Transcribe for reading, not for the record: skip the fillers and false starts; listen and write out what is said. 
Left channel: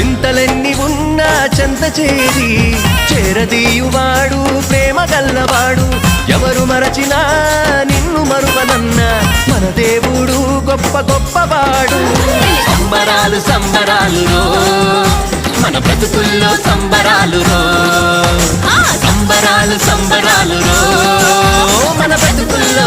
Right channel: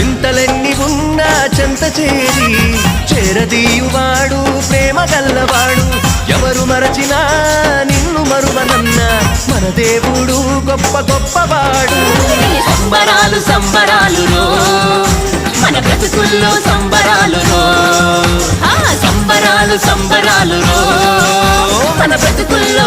చింతలెన్ని ఉన్నా చెంత చేరి చేరదీయువాడు ప్రేమ గల్లవాడు. ఎవరు మరచినా నిన్ను మరువనన్న మన దేవుడు గొప్ప గొప్పవాడు. సంబరాలు సంబరాలు రో మన బ్రతుకుల్లో సంబరాలు రో, సంబరాలు సంబరాలు రో మన బ్రతుకుల్లో